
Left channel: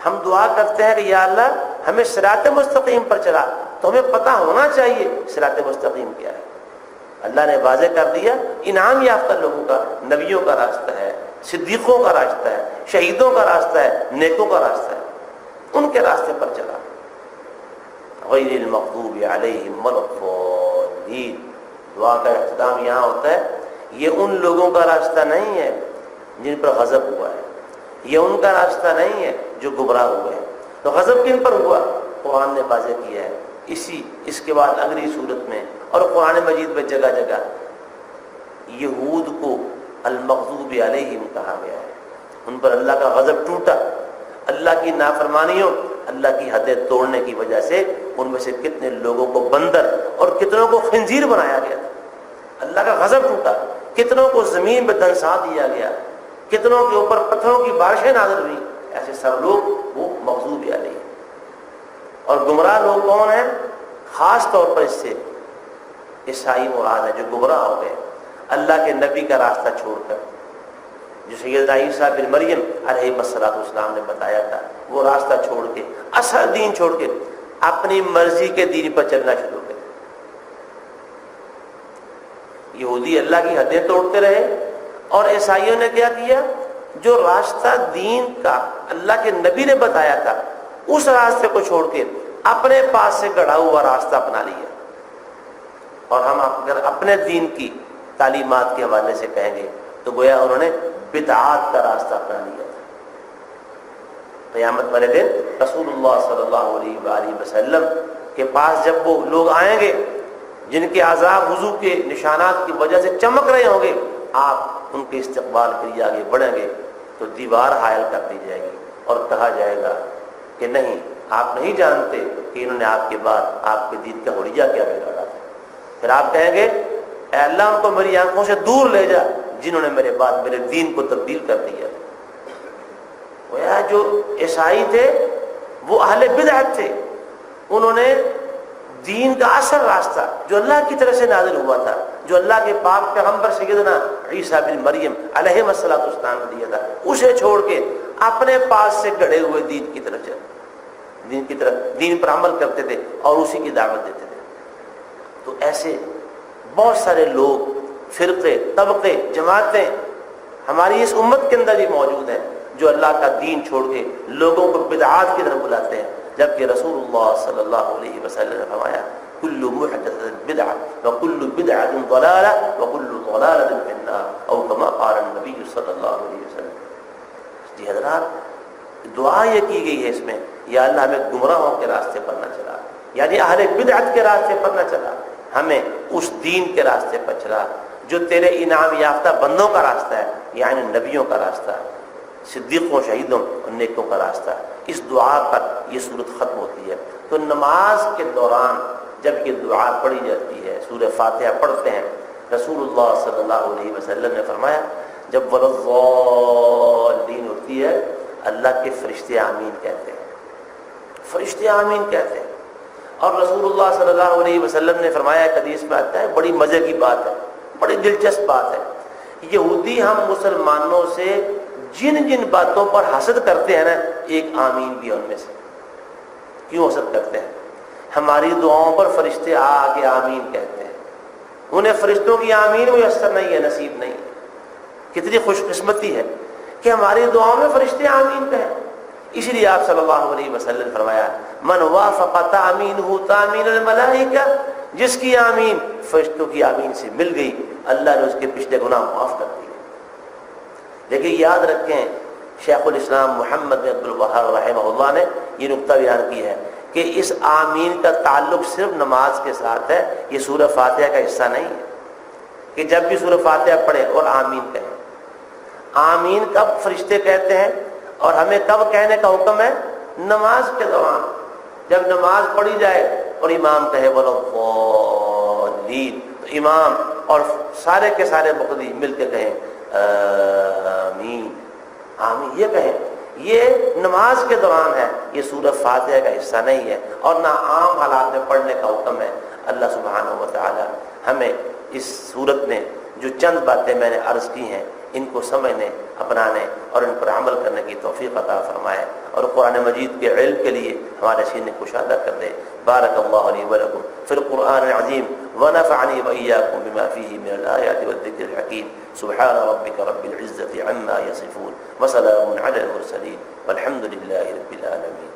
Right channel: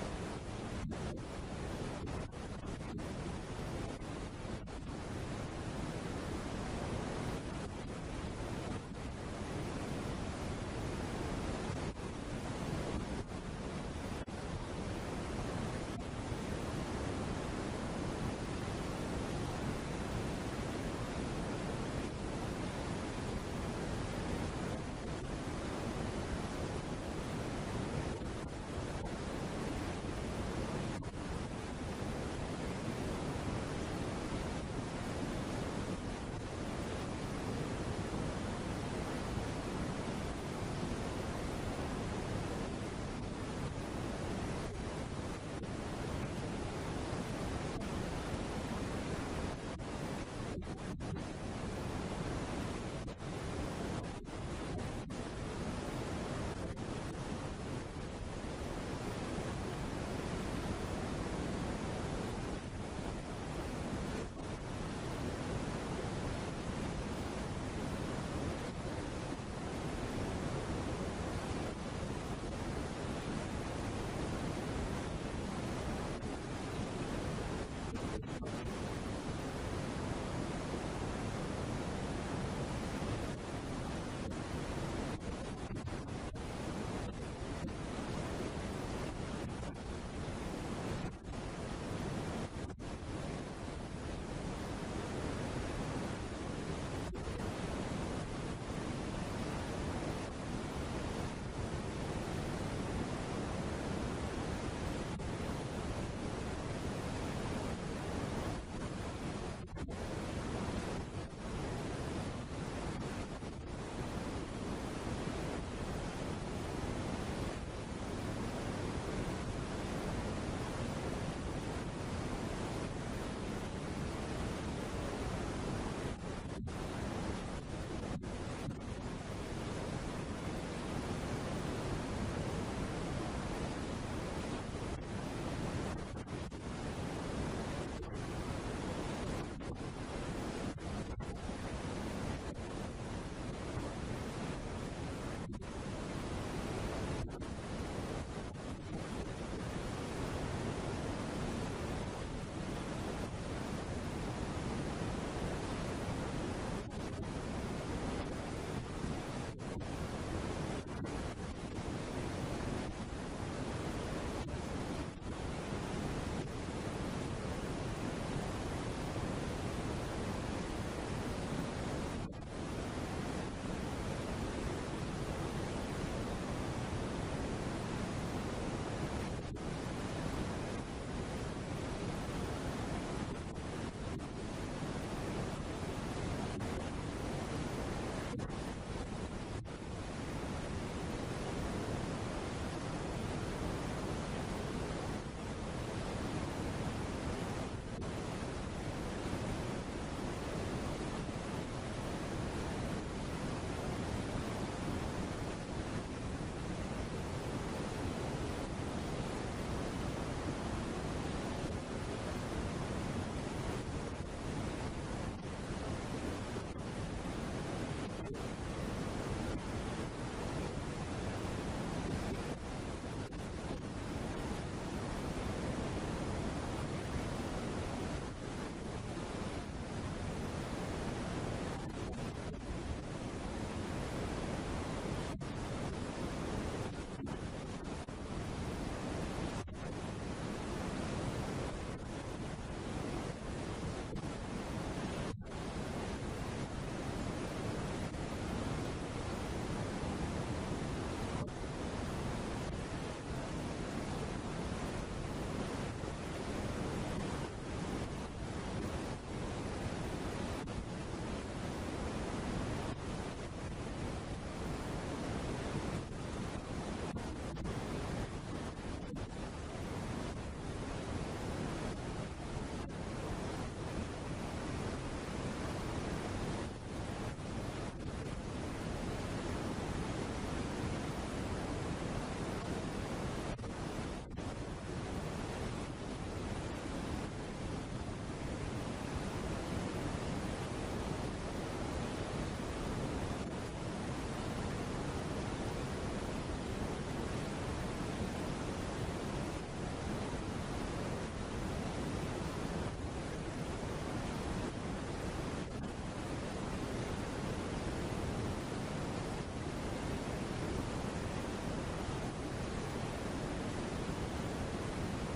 ہم دعا کرتے ہیں کہ یا اللہ ہمیں صراط مستقیم پر چلا، تو ہمیں پتہ ہونا چاہیے صراط مستقیم کیا ہے. اللہ نے واضح کر دیا انعام یافتہ لوگوں کا، نبیوں کا راستہ ہے صدیقوں کا راستہ ہے، شہیدوں کا راستہ ہے، نیکوں کا راستہ ہے، ان کے راستے پر چلا۔ غیر المغضوب علیہم ولا الضالین، دعا کا اختتام یہاں ہوتا ہے، یہ ان لوگوں کا راستہ نہیں ہے جن پر غضب ہوا ہے، یہ ان کا راستہ نہیں ہے جو گمراہ ہوئے ہیں۔ تو غضب کن پر ہوا؟ قرآن نے واضح کیا ہے، اس کے بعد اگلی صورت میں اور قرآن مجید میں جگہ جگہ یہود کو المغضوب علیہم کہا گیا ہے، ان پر اللہ کا غضب ٹوٹا، اللہ کی نافرمانیوں، اللہ کی حدیں توڑنے کی وجہ سے ان میں سے کتنے لوگوں کو بندر اور کتنوں کو خنزیر بنایا گیا، اللہ کا غضب ٹوٹا، کتنوں کو زمین پہ دنسا دیا گیا، کتنوں کے اوپر پتھروں کی بارشیں نازل ہوئی، ایسے سب لوگ وہ مغضوب علیہم۔ اور گمراہ لوگ کون ہیں؟ خاص طور پر اس سے عیسائی مراد ہے جو گمراہ ہو گئے اللہ کے نبی کا راستہ چھوڑ کر، جو سیدنا عیسیٰ بن مریم علیہ السلام نے بتایا تھا، وہ راستہ چھوڑ کے، اصل دین چھوڑ کے اپنی مرضی کے دین پر چلنا شروع کر۔ یہودی اللہ کی حدیں توڑتے رہے، اور عیسائیوں نے کیا کیا؟ جو راستہ دین کا اللہ کے نبی نے بتایا تھا اس راستے کو چھوڑ کے اپنے پاس سے گڑھا ہوا راستہ اپنا لیا۔ اور ہم اگر اپنے دین کی تعلیمات کے حوالے سے کہیں گے تو گویا انہوں نے بدعات کا راستہ اپنا لیا۔ قیامت والے دن رسول اللہ صلی اللہ علیہ وآلہ وسلم کے پاس جب وہ لوگ آئیں گے جن کے عذاب وضو کے نشانات کی وجہ سے چمک رہے ہوں گے، آپ ان کے استقبال کے لیے آگے بڑھیں گے تو دیوار حائل کر دی جائے گی اور کہا جائے گا کہ نہیں، آپ نہیں جانتے کہ انہوں نے آپ کے بعد آپ کے دین کا حلیہ کیا بگاڑا۔ پھر آپ کہیں گے اے اللہ ان کو میری آنکھوں سے دور لے جا جنہوں نے میرے بعد میرے دین کو تبدیل کر دیا۔ جو عیسائی تھے وہ اہل بدعت تھے، انہوں نے دین کا اصل راستہ جو اللہ کی طرف سے نازل ہوا تھا، جو اللہ کے پاک پیغمبر سیدنا عیسیٰ بن مریم علیہ السلام نے دیا تھا، اسے چھوڑ کے اپنے پاس سے گڑھے ہوئے دین کی طرف چلے، دین پر عمل کرتے تھے اور اسی کی دعوت دیتے تھے۔ تو ایسے بہت سارے لوگ، فرقے، طبقے، جماعتیں ہماری اس امت کے اندر بھی موجود ہیں جو اللہ کا دین چھوڑ کے لوگوں کو بدعات کی طرف بلاتے ہیں، جبکہ رسول اللہ صلی اللہ علیہ وسلم نے فرمایا کل محدثۃ بدعہ وکل بدعۃ ضلالہ وکل ضلالۃ فی النار، او کما قال النبی صلی اللہ علیہ وسلم۔ جی حضرات، دعا یہ کی گئی ہے اس میں، یا اللہ ہمیں گمراہوں کے راستے پر نہ چلا، یعنی اہل بدعت کے راستے پر نہ چلا، ہمیں اس دین کے راستے پر چلا جو تیرے انعام یافتہ بندوں کا راستہ ہے، یعنی نبیوں کا راستہ ہے، صدیقوں، شہیدوں اور نیکوں کا راستہ ہے۔ اس دعا پر یہ صورت ختم ہوتی ہے۔ تو نماز کے دوران جب یہ دعا پڑھی جاتی ہے، سورہ فاتحہ پڑھتے ہیں، رسول اللہ صلی اللہ علیہ وسلم نے فرمایا جب وَلَضَّالِّينَ ہوتی ہے، اللہ کے فرشتے آمین کہتے ہیں، فرشتے آمین کہتے ہیں۔ اور رسول اللہ صلی اللہ علیہ وسلم نے فرمایا، ایک حدیث میں آتا ہے، بڑی مزے کی بات ہے، بڑی دلچسپ بات ہے، یہودی ہم مسلمانوں سے جن جن باتوں پر حسد کرتے ہیں نا، ایک آمین بھی ان میں سے۔ کیوں حسد کرتے ہیں؟ ہماری دعاؤں پر فرشتے آ کے آمین کہتے ہیں، انہیں فرشتوں کی آمین میسر نہیں ہے، نصیب نہیں۔ کتنی خوش قسمتی ہے کہ ہماری دعاؤں میں فرشتے آمین کہیں۔ اسی لیے آپ صلی اللہ علیہ وسلم نے فرمایا من وافق تامینہ تامین الملائکہ، جس کی آمین فرشتوں کی آمین سے مل گئی، اللہ نے اس کے پچھلے گناہ معاف کر دیے۔ لیکن یاد رکھیں، شیخ الاسلام محمد بن عبد الوہاب رحمہ اللہ نے یہ نقطہ بیان کیا ہے کہ اس آمین کا تعلق صرف نماز کے ساتھ ہے، یہ سورہ فاتحہ کا حصہ نہیں ہے کہ جب بھی سورہ فاتحہ پڑھیں اور آمین کہیں۔ آمین کب فرشتے کہتے ہیں اور ہمیں کب کہنے کا حکم ہے؟ نماز کے دوران، جب نماز پڑھی جائے اور امام کہے وَلَضَّالِّينَ، تو امام اور سارے کے سارے مقتدی مل کے کہیں آمین، آمین یہ کہیں۔ یہ نماز کے دوران ہے، یہ سورہ فاتحہ کا حصہ نہیں ہے اور نہ عام حالات میں پڑھنے کا حکم ہے۔ اللہ سبحانہ و تعالی ہمیں اس صورت میں جو چند باتیں میں نے عرض کی ہیں ان کو سمجھنے، اپنانے اور ان پر عمل کرنے کی توفیق عطا فرمائے، اور قرآن مجید کے علم کے لیے ہمارے سینے کشادہ کر دے۔ بارک اللہ لی ولکم فی القرآن العظیم ونفعنی وإیاکم بما فیہ من الآیات والذکر الحکیم۔ سبحان ربک رب العزة عما یصفون وسلام علی المرسلین والحمد للہ رب العالمین۔